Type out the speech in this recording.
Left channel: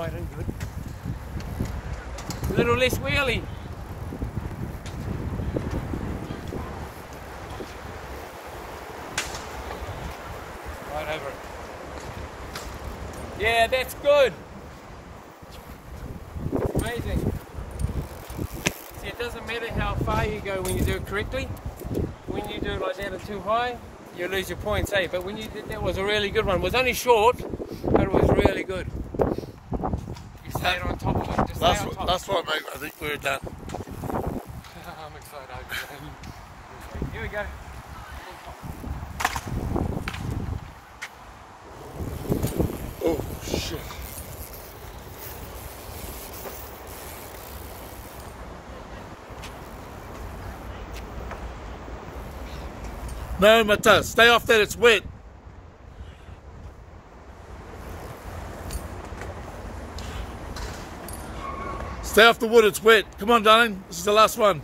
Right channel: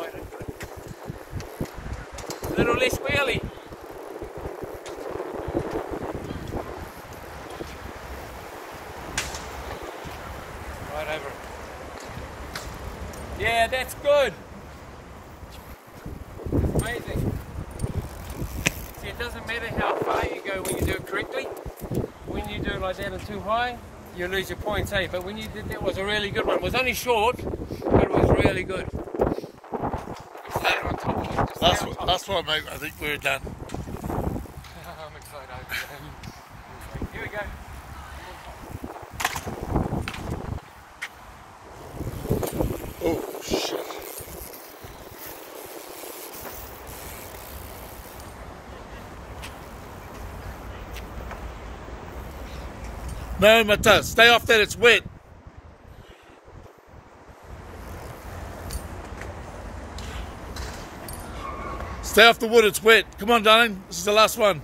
right into it. A little less wheelie. Right over it. Yeah, that's good. Amazing. See, it doesn't matter how far you go when you do it correctly. When you do it like that or too high, you lose your points, eh? But when you did that, was a really good one. It was only short, but it was really good. You stayed on top of it. That's what, mate. I think we're done. I'm excited. Here we go. Oh, shit. No, Mata, stay off that, it's wet. Stay off the wood, it's wet. Come on, darling, this is the last one.